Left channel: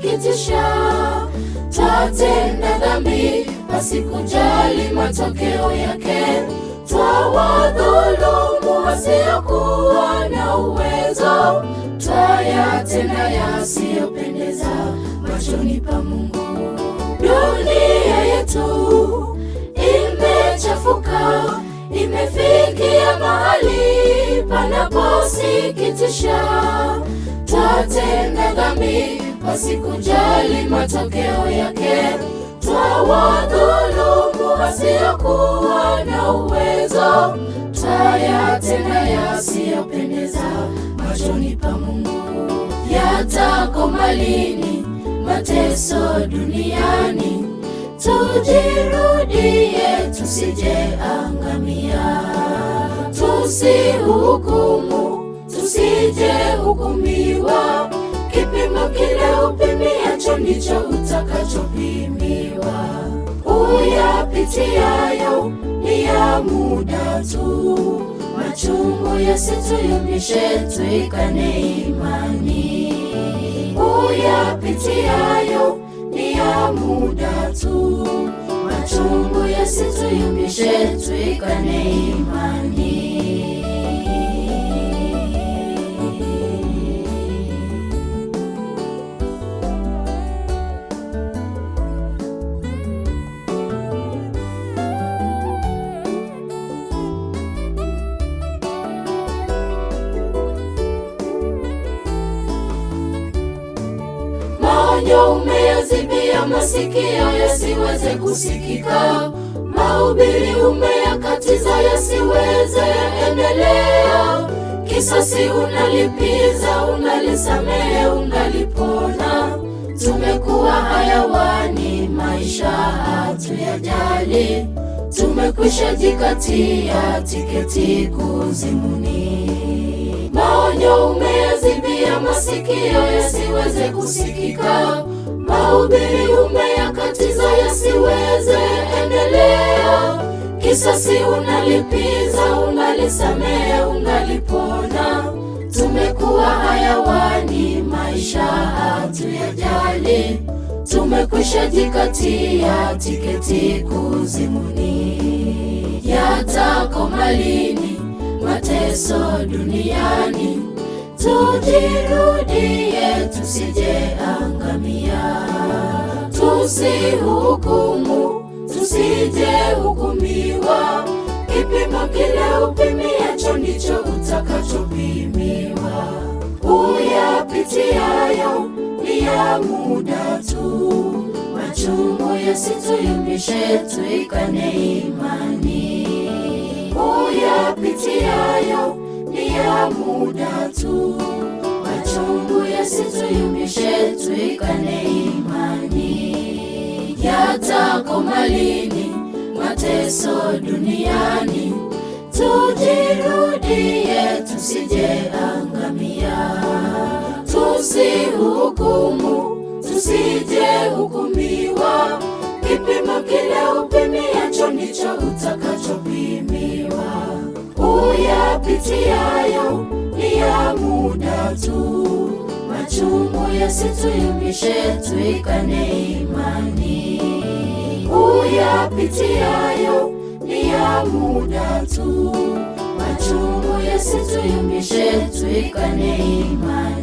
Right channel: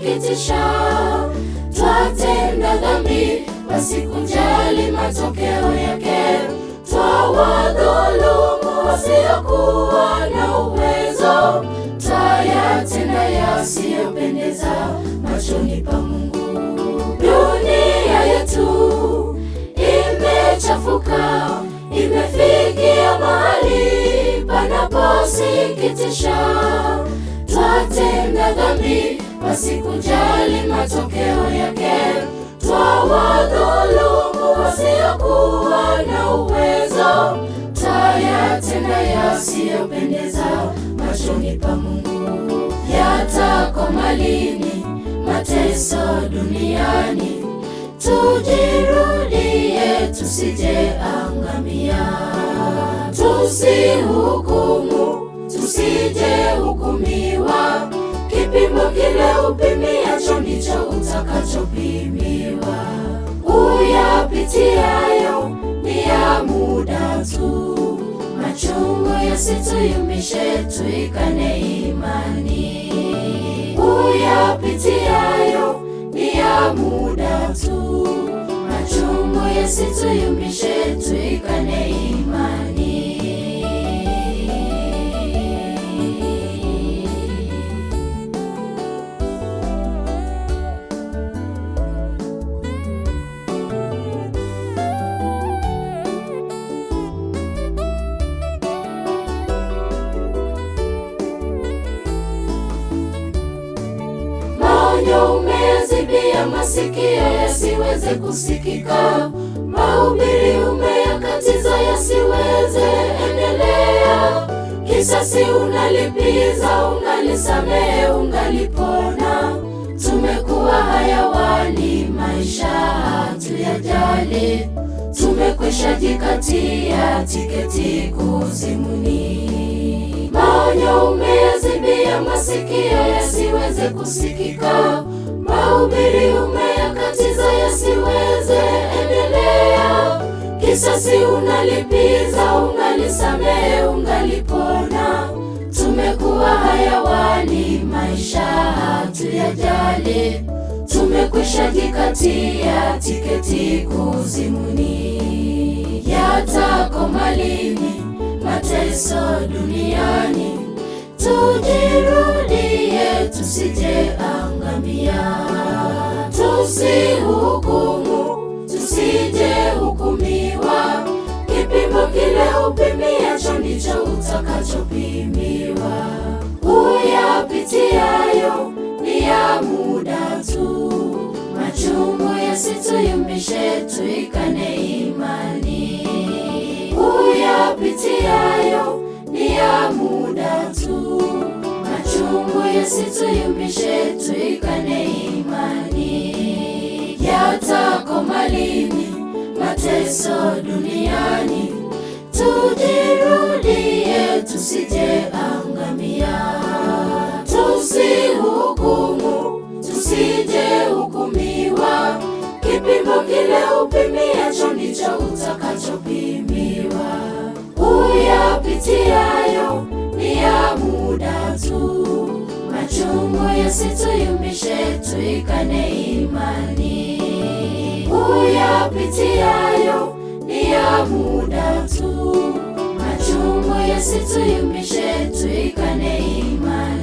kusikitisha. Twatenda dhambi pasikujali matokeo yake. Twawadhulumu wasiokuwa na uwezo. Twayatenda yasiyopendeza machoni pa Mungu. Dunia yetu imechafuka, imefikia mahali panaposikitisha. Twatenda dhambi pasikujali matokeo yake. Twawadhulumu wasiokuwa na uwezo. Twayatenda yasiyopendeza machoni pa Mungu. Yatakoma lini mateso duniani? Tujirudie tusije angamia. Tusihukumu tusije hukumiwa. Kipimo kile upimiacho ndicho utakachopimiwa. Uyapitiayo ni ya muda tu. Machungu yasituyumbishe, tuikane imani. Uyapitiayo ni ya muda tu. Machungu yasituyumbishe, tuikane imani. Umeyazibia masikio yasiweze kusikika. Mahubiri umeyakatiza yasiweze endelea. Kisasi unalipiza, unalisamehe, ungalipona. Tumekuwa hayawani, maisha hatuyajali. Tumekwisha jikatia tiketi kuzimuni. Maonyo umeyazibia masikio yasiweze kusikika. Mahubiri umeyakatiza yasiweze endelea. Kisasi unalipiza, unalisamehe, ungalipona. Tumekuwa hayawani, maisha hatuyajali. Tumekwisha jikatia tiketi kuzimuni. Yatakoma lini mateso duniani? Tujirudie tusije angamia. Tusihukumu tusije hukumiwa. Kipimo kile upimiacho ndicho utakachopimiwa. Uyapitiayo ni ya muda tu. Machungu yasituyumbishe, tuikane imani. Uyapitiayo ni ya muda tu. Machungu yasituyumbishe, tuikane imani. Yatakoma lini mateso duniani? Tujirudie tusije angamia. Tusihukumu tusije hukumiwa. Kipimo kile upimiacho ndicho utakachopimiwa. Uyapitiayo ni ya muda tu. Machungu yasituyumbishe, tuikane imani. Uyapitiayo ni ya muda tu. Machungu yasituyumbishe, tuikane imani.